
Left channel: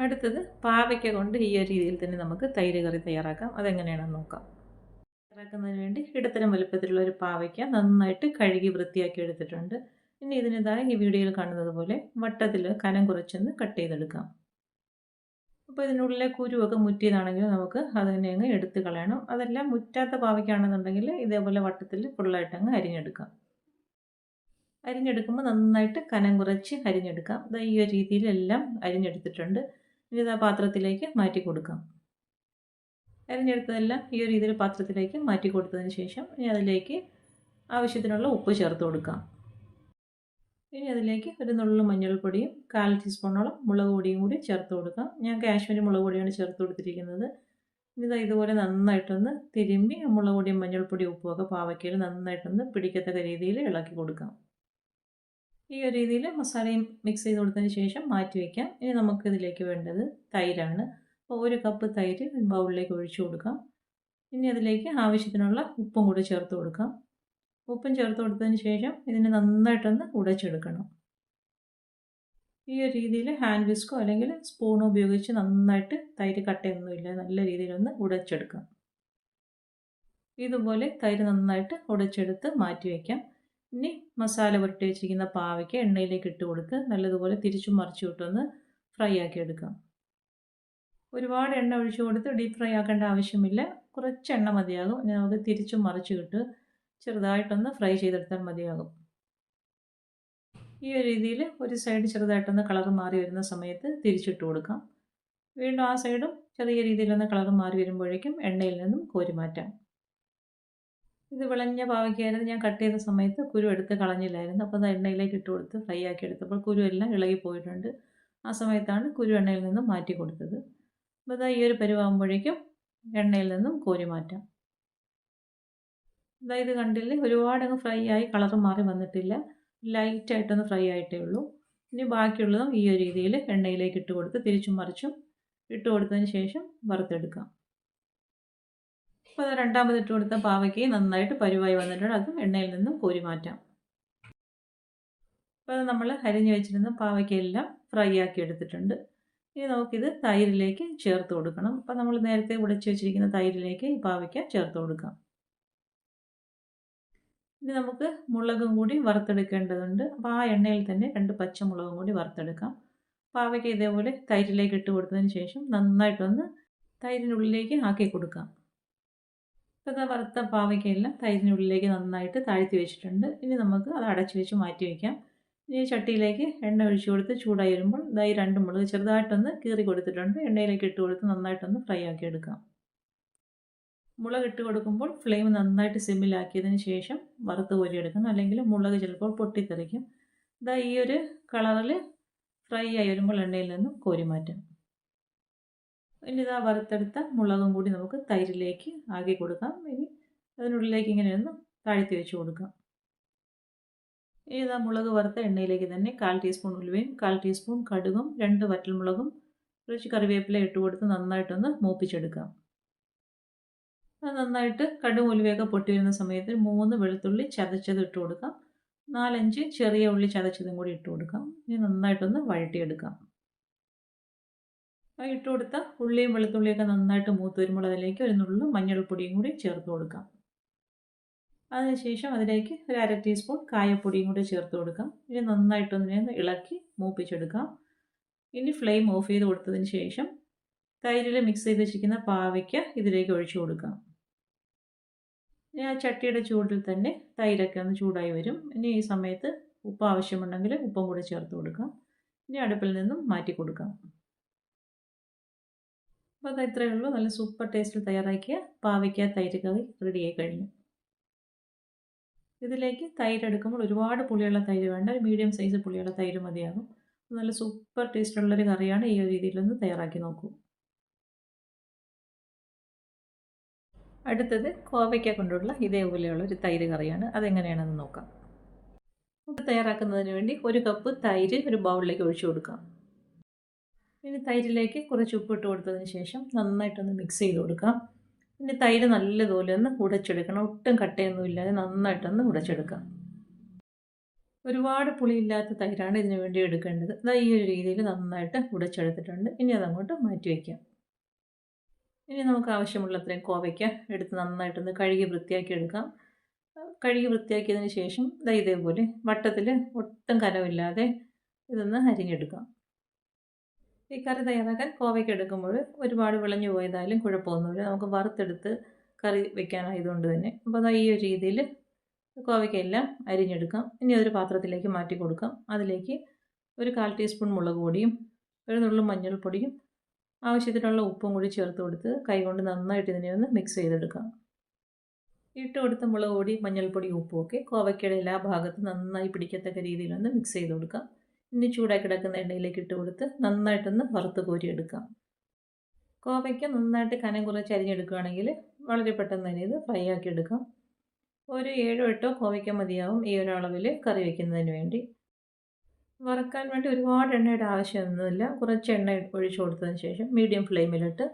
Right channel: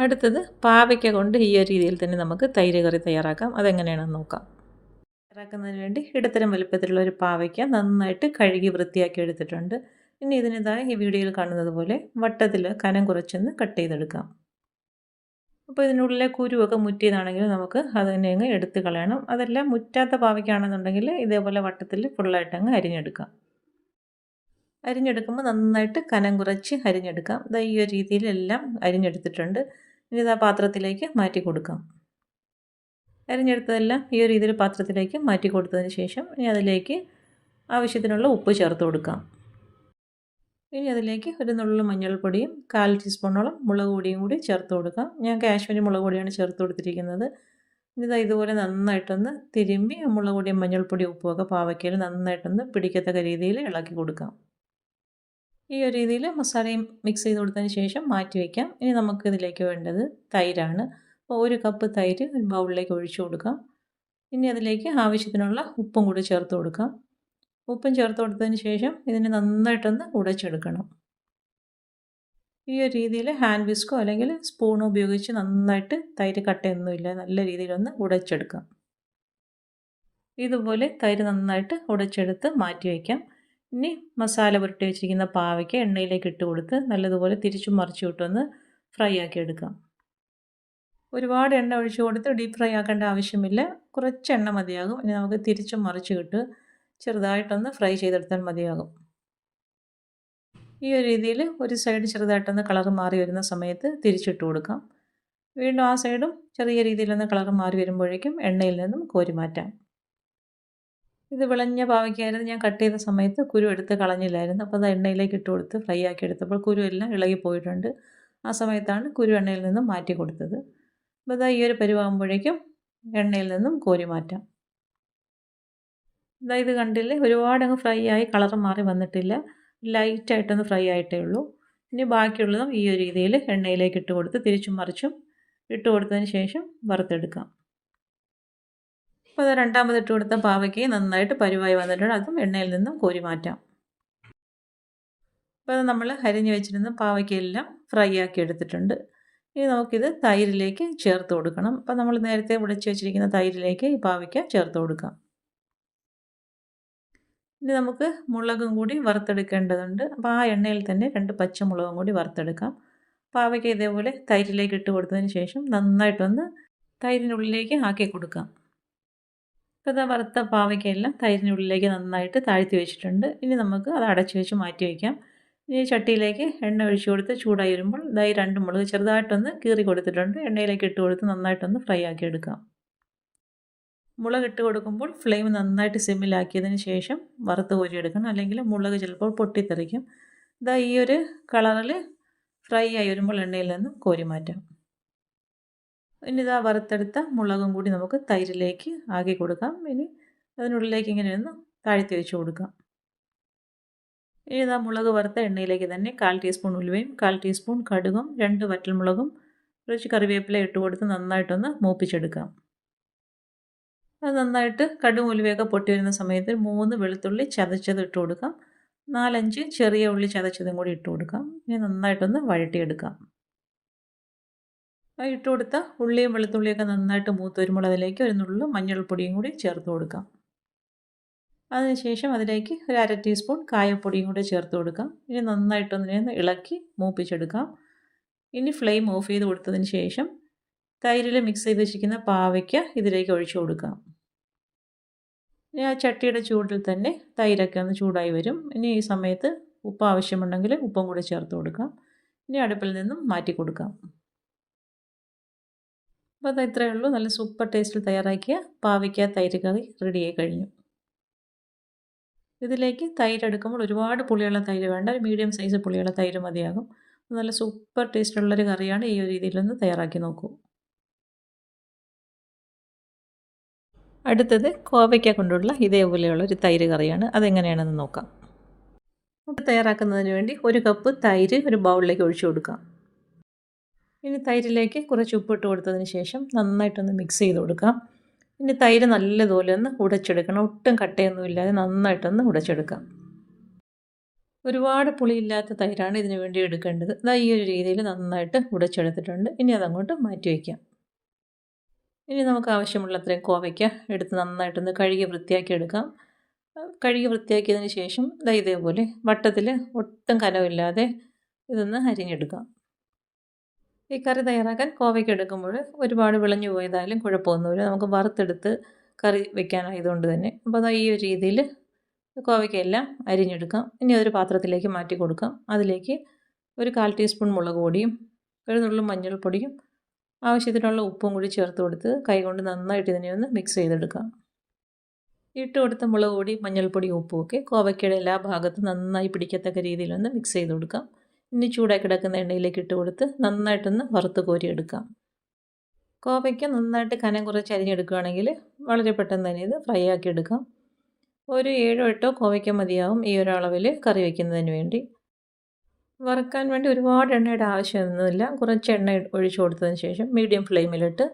അടുത്തത് പാവയ്ക്ക കൊണ്ട് ഈ ഒരു രീതിയിൽ തന്നെ നമുക്ക് തൈര് കറി തയ്യാറാക്കാം. അതെങ്ങനെയാണെന്ന് നോക്കാം. തയ്യാറാക്കുന്നതിന് വേണ്ടി ഇടത്തരം വലുപ്പത്തിലുള്ള ഒരു പാവയ്ക്ക നന്നായിട്ട് കഴുകി വൃത്തിയാക്കി എടുത്തിട്ടുണ്ട്. ഇനി ഇതിനിതായി ഈ വീഡിയോയിൽ കാണുന്നത് പോലെ വട്ടത്തിൽ കനം കുറച്ചൊന്ന് കട്ട് ചെയ്തെടുക്കാം. അപ്പോൾ ഇതിനുള്ളിലെ കുരുവൊക്കെ മുറ്റിയതാണെങ്കിൽ നമുക്ക് അത് തന്നെ അങ്ങ് എടുത്ത് കളയണം. അതെല്ലാം മുറ്റാത്ത പാവയ്ക്കാണെന്നുണ്ടെങ്കിൽ ഇതേപോലെ വട്ടത്തിൽ ഫുള്ളായിട്ട് അങ്ങ് അരിഞ്ഞെടുക്കാം. അരിഞ്ഞെടുക്കുമ്പോൾ നന്നായിട്ട് കനം കുറച്ച് അരിഞ്ഞെടുക്കാം. ഇതാ ഈ ഒരു രീതിയിലെല്ലാം അരിഞ്ഞെടുത്തിട്ടുണ്ട്. ഇനി ഇതാ പാത്രത്തിലേക്ക് മാറ്റി കൊടുക്കാം. അരിഞ്ഞെടുത്തതെല്ലാം ഈ ഒരു രീതിയിൽ പാത്രത്തിലേക്ക് മാറ്റി കൊടുത്തതിന് ശേഷം ഇനി അതിലേക്ക് ആവശ്യത്തിനുള്ള ഉപ്പ് ചേർത്ത് കൊടുക്കാം. ഇനി അതിലേക്ക് ഒരു നുള്ളു മഞ്ഞൾപ്പൊടിയും 1/4 ടീസ്പൂണോളം മുളക് പൊടിയും കൂടി ചേർത്ത് കൊടുക്കാം. ഞാൻ കാശ്മീരി മുളക് പൊടിയാണ് ചേർത്ത് കൊടുത്തിരിക്കുന്നത്. ഇനി ഇതുപോലെ നന്നായിട്ടൊന്ന് തിരുമ്പി മുളക് പൊടിയും മഞ്ഞൾപ്പൊടിയും ഉപ്പുമൊക്കെ പാവയ്ക്കയിൽ നന്നായിട്ടൊന്ന് പിടിക്കത്തക്ക രീതിയിൽ ഇളക്കി കൊടുക്കാം. ഈ ഒരു രീതിയിൽ മസാലയും മിക്സ് ചെയ്ത് കൊടുത്തതിന് ശേഷം മാറ്റി വയ്ക്കാം. ഇനി നമുക്കിതിലേക്ക് വേണ്ടത് തൈരാണ്. അപ്പോൾ 1 കപ്പ് തൈര് ഒരു ബൗളിലേക്ക് ഒഴിച്ചു കൊടുക്കാം. ഇനി അതിലേക്ക് ആവശ്യത്തിനുള്ള ഉപ്പും കൂടി ചേർത്ത് കൊടുക്കാം. ഉപ്പും ചേർത്ത് കൊടുത്തതിന് ശേഷം ഇതിനെ നന്നായിട്ടൊന്ന് ഉടച്ചെടുക്കണം. ഈ ഒരു രീതിയിൽ ഹാൻഡ് വിസ്കോ അല്ലെങ്കിൽ സ്പൂണോ ഉപയോഗിച്ച് നന്നായിട്ട് തൈര് കട്ടയൊന്നുമില്ല നല്ല രീതിയിലൊന്ന് ഉടച്ചെടുക്കാം. ഇതുപോലെ തൈര് നന്നായിട്ട് ഉടച്ചെടുത്ത് മാറ്റി വയ്ക്കാം. ഇനി മസാല പുരട്ടി വെച്ചിരിക്കുന്ന പാവയ്ക്ക എണ്ണയിലേക്ക് ഇട്ട് കൊടുത്ത് നല്ലതുപോലെ തിരിച്ചും മറിച്ചും ഇട്ടൊന്ന് ഫ്രൈ ആക്കി എടുക്കാം. ഒരുപാട് എണ്ണ ഒഴിച്ച് കൊടുത്ത് ഡീപ്പ് ഫ്രൈ ആക്കേണ്ട ആവശ്യമില്ല. കുറച്ച് എണ്ണ മതിയാകും. ഇനി നമുക്ക് തിരിച്ചും മറിച്ചും ഇട്ട് ചെറുതായിട്ടൊന്ന് ഫ്രൈ ചെയ്തെടുത്താൽ മതിയാകും. ഈ ഒരു രീതിയിൽ ഒരു സൈഡ് ചെറുതായിട്ടൊന്ന് കളർ മാറി വരുന്ന സമയത്ത് തിരിച്ചിട്ട് കൊടുക്കാം. വീണ്ടും ആ സൈഡും ചെറിയ രീതിയിലൊന്ന് കളർ മാറി വരുമ്പോഴേക്കും എണ്ണയിൽ നിന്നും കോരി മാറ്റാം. ഇത് വിളഞ്ഞ പാവയ്ക്കായിരുന്നു. ഞാൻ കട്ട് ചെയ്ത സമയത്ത് കുരു എടുത്ത് കളഞ്ഞില്ലായിരുന്നു. അപ്പോൾ അത് എണ്ണയിലേക്ക് ഇട്ട് കൊടുത്ത് ഫ്രൈ ആക്കി എടുത്തപ്പോൾ കുരു എല്ലാം ഇളകി പോയിട്ടുണ്ട്. ആ സമയത്താണ് കുരു എണ്ണയിൽ നിന്നും മാറ്റി കൊടുത്തത്. അപ്പോൾ ഇതാ ഈ ഒരു പരുവാകുമ്പോഴേക്കും എണ്ണയിൽ നിന്നും കോരി മാറ്റാം. ഇതാ ഇത് കണ്ടില്ലേ, ഒരുപാട് അങ്ങ് ഫ്രൈ ആയി കളർ മാറി വന്നിട്ടില്ല. ലൈറ്റായിട്ടൊന്ന് ഫ്രൈ ആയിട്ടേ ഉള്ളൂ. ഇനി ബാക്കിയുള്ളതും ഈ ഒരു രീതിയിൽ എണ്ണയിലേക്ക് ഇട്ട് കൊടുത്ത് തിരിച്ചും മറിച്ചും ഇട്ട് കൊടുത്തതിന് ശേഷം വറുത്തെടുക്കാം. അപ്പോൾ അത് രണ്ടാമത് ഇട്ട് കൊടുത്ത പാവയ്ക്ക് നന്നായിട്ട് പരുവായി വന്നിട്ടുണ്ട്. അതും എണ്ണയിൽ നിന്നും കോരി മാറ്റാം. അപ്പോൾ അത് നമ്മൾ അരിഞ്ഞ് വെച്ചിരുന്ന പാവയ്ക്കയെല്ലാം ഫ്രൈ ആക്കി എടുത്തിട്ടുണ്ട്. ഇനി നമുക്കിത് തൈരിലേക്ക് ചേർത്ത് കൊടുക്കണം. അപ്പോൾ നമ്മൾ നേരത്തെ ഉടച്ച് വെച്ചിരിക്കുന്ന തൈരിലേക്ക് ഈ പാവയ്ക്ക ചേർത്ത് കൊടുക്കാം. ഇനി നമുക്ക് മുളകും കൂടി വറുത്തെടുക്കേണ്ടതുണ്ട്. അപ്പോൾ ആ എണ്ണയിൽ തന്നെ 2 പച്ചമുളകും കൂടി വറുത്തെടുക്കാം. പാവയ്ക്ക ഇതേപോലെ തൈരിലേക്ക് ഇട്ട് കൊടുത്തതിന് ശേഷം നന്നായിട്ടൊന്ന് തൈരിനുള്ളിലേക്ക് ആക്കി കൊടുക്കാം. ഇപ്പോൾ ഇതാ വറുത്ത പാവയ്ക്കയെല്ലാം തൈരിനുള്ളിലേക്ക് നന്നായിട്ട് താഴ്ത്തി വെച്ചിട്ടുണ്ട്. ഇനി നമുക്ക് അത് അടച്ചു വെച്ച് മാറ്റി വയ്ക്കാം. ഇനി ചട്ടിയിലേക്ക് എണ്ണ ഒഴിച്ച് കൊടുത്ത് ചൂടായി വരുമ്പോൾ ഇതായി 2 മുളക് ചെറുതായിട്ടൊന്ന് കീറി കൊടുത്തിട്ടുണ്ട്. എണ്ണയിലേക്ക് ഇട്ട് കൊടുത്ത് നന്നായിട്ടൊന്ന് ഫ്രൈ ആക്കി എടുക്കാം. മുളക് ഇട്ട് കൊടുക്കുമ്പോൾ ഫ്ലെയിം നന്നായിട്ട് സിമ്മിലാക്കിയതിന് ശേഷം വറുത്ത് കോരിയെടുക്കണം, അല്ലെങ്കിൽ മുളക് ചിലപ്പോൾ പൊട്ടിത്തെറിക്കും. ഇതാ ഈ ഒരു കളറിൽ ഫ്രൈ ആയി വരുമ്പോൾ എണ്ണയിൽ നിന്ന് കോരി മാറ്റാം. ഇനി ഇതാ വറുത്തെടുത്ത മുളകും കൂടി നമുക്ക് തൈരിലേക്ക് ആക്കി കൊടുക്കാം. ഇനി അതിനുള്ളിലേക്ക് ഇങ്ങനെയൊന്ന് താഴ്ത്തി വെച്ച് കൊടുക്കാം. ഇനി ഇതാ മുളക് വറുത്ത എണ്ണയിലേക്ക് തന്നെ 1/4 ടീസ്പൂൺ ഉലുവയും 1/4 ടീസ്പൂൺ കടുകും 2 വറ്റൽമുളകും കുറച്ച് കറിവേപ്പില ഇട്ട് കൊടുത്ത് നന്നായിട്ടൊന്ന് മൂപ്പിച്ചെടുക്കാം. അത് നന്നായിട്ട് കടുകും ഉലുവയൊക്കെ പൊട്ടി വരുന്ന സമയത്ത് 3 വെളുത്തുള്ളി ചതച്ചത് ഇട്ട് കൊടുക്കാം. 4-5 ചെറിയ ഉള്ളി ചതച്ചതും കൂടി ഇട്ട് കൊടുക്കാം. ഇനി നന്നായിട്ടൊന്ന് വഴറ്റിയെടുക്കാം. ഇട്ട് കൊടുത്ത ഉള്ളിയും വെളുത്തുള്ളിയൊക്കെ നന്നായിട്ട് മൂത്ത് വരുമ്പോൾ അതിലേക്ക് ഒരു നുള്ളു മഞ്ഞൾപ്പൊടിയും കൂടി ചേർത്ത് കൊടുക്കാം. അതിനുശേഷം അതിലേക്ക് ഒരു 1/2 ടീസ്പൂൺ കായപ്പൊടിയും കൂടി ചേർത്ത് കൊടുക്കാം. ഇനി നന്നായിട്ടൊന്നിനെ ഇളക്കി മൂപ്പിച്ചെടുക്കാം. ഇനി ഫ്ലെയിം ഓഫ് ചെയ്ത് കൊടുത്തതിന് ശേഷം തൈരിൽ മിക്സ് ചെയ്ത് വെച്ചിരിക്കുന്ന പാവയ്ക്ക ഇതിലേക്ക് ഒഴിച്ചു കൊടുക്കാം. ഇനി ആ ചട്ടിയുടെ ചൂടിൽ തന്നെ തൈരൊക്കെ ഒന്ന് ചൂടായി വരും. ഇനി ഈ സമയത്ത് ഉപ്പ് ആവശ്യമുണ്ടെങ്കിൽ ഉപ്പും കൂടി ചേർത്ത് കൊടുക്കാം. ഇനി അടുപ്പിൽ നിന്നും മാറ്റി കൊടുക്കാം. അപ്പോൾ അത് ഇത്രയേ ഉള്ളൂ. നല്ല സൂപ്പർ ടേസ്റ്റിൽ തയ്യാറാക്കിയ പാവയ്ക്ക തൈര് കറി റെഡിയായി കഴിഞ്ഞു. ഇതിലേക്ക് തൈര് എടുക്കുമ്പോൾ ഒരുപാട് പുളിയുള്ള തൈര് വേണ്ട, ഒരു മീഡിയം സൈസ് പുളിയുള്ള തൈര് മതിയാകും. നല്ല സൂപ്പർ ടേസ്റ്റുള്ളൊരു കറിയാണ്. ഈ ഒരു രീതിയിലൊന്ന് തയ്യാറാക്കി നോക്കൂ. അടുത്തത് കോവയ്ക്ക കൊണ്ടുള്ള ഇതേപോലെയുള്ള ഒരു തൈര് കറിയാണ്. അതെങ്ങനെയാണെന്ന് നോക്കാം. അപ്പോൾ തയ്യാറാക്കുന്നതിന് വേണ്ടി 1 കപ്പ് തൈര് ഒരു ബൗളിലേക്ക് ഒഴിച്ചു കൊടുക്കാം. ഇനി തൈരിലേക്ക് കുറച്ച് ഉപ്പിട്ട് കൊടുത്തതിന് ശേഷം നന്നായിട്ടൊന്ന് മിക്സ് ചെയ്ത് കൊടുക്കാം. ഇനി തൈര് നല്ലതുപോലെ ഒന്ന് ഉടച്ചെടുക്കണം. ഒട്ടും കട്ടയൊന്നും ഇല്ലാതെ നന്നായിട്ടൊന്ന് ഉടച്ചെടുക്കാം. ഒരുപാട് പുളിയില്ലാത്ത തൈരാണ് ഇതിനു വേണ്ടി എടുക്കേണ്ടത്. ഇതാ ഈ ഒരു രീതിയിൽ നന്നായിട്ട് ഉടച്ചെടുത്തിട്ടുണ്ട്. ഇനി അതങ്ങോട്ട് മാറ്റി വയ്ക്കാം. ഇനി നമുക്ക് ആവശ്യമുള്ളത്രയും കോവയ്ക്ക എടുത്ത് നന്നായിട്ടൊന്ന് കഴുകി വൃത്തിയാക്കി എടുക്കാം. കഴുകി വൃത്തിയാക്കിയതിന് ശേഷം ദാ ഇതേപോലെ വട്ടത്തിൽ ഒട്ടും കനമില്ലാതെ ഇതൊന്ന് അരിഞ്ഞെടുക്കാം. ഈ കറി തയ്യാറാക്കാൻ കോവയ്ക്ക എടുക്കുമ്പോൾ ഒരുപാട് വിളഞ്ഞു പോയതായാലും കുഴപ്പമൊന്നുമില്ല. നമുക്ക് വറുത്തെടുത്ത് കറി വെക്കാനായതുകൊണ്ട് തന്നെ. അപ്പോൾ അതാ ഈ ഒരു രീതിയിൽ കോവയ്ക്കയെല്ലാം അരിഞ്ഞെടുക്കാം. ഇനി അതൊരു പാത്രത്തിലേക്ക് മാറ്റി കൊടുക്കാം. അതിലേക്ക് ഒരു 1/4 ടീസ്പൂൺ മുളക് പൊടിയും ഒരു നുള്ളു മഞ്ഞൾപ്പൊടിയും ആവശ്യത്തിനുള്ള ഉപ്പും കൂടി ചേർത്ത് കൊടുത്ത് കൈകൊണ്ട് നന്നായിട്ട് ഇതിനെ ഒന്ന് മിക്സ് ചെയ്തെടുക്കാം. ഇട്ട് കൊടുത്ത മുളക് പൊടി, മഞ്ഞൾപ്പൊടി, ഉപ്പുമൊക്കെ കോവയ്ക്കയുടെ എല്ലാ ഭാഗത്തും നന്നായി പിടിക്കത്തക്ക രീതിയിലൊന്ന് മിക്സ് ചെയ്ത് കൊടുക്കാം. ഇനി ചൂടായി കിടക്കുന്ന എണ്ണയിലേക്ക് ഇട്ട് കൊടുത്ത് നന്നായിട്ടൊന്ന് വറുത്ത് കോരിയെടുക്കാം. കോവയ്ക്ക നന്നായിട്ട് കനം കുറച്ച് അരിഞ്ഞെടുക്കുകയാണെങ്കിൽ വളരെ പെട്ടെന്ന് തന്നെ ഇത് ഫ്രൈ ആക്കി എടുക്കാം. ഒരു 7-8 കോവയ്ക്ക മതിയാവും ഈ ഒരളവിൽ കറി വയ്ക്കുന്നതിന് വേണ്ടി. വറുക്കാൻ വേണ്ടി ഒരുപാട് എണ്ണയുടെ ആവശ്യമൊന്നുമില്ല. കുറച്ച് എണ്ണ ഒഴിച്ചു കൊടുത്തതിന് ശേഷം മീഡിയം ഫ്ലെയിമിലിട്ട്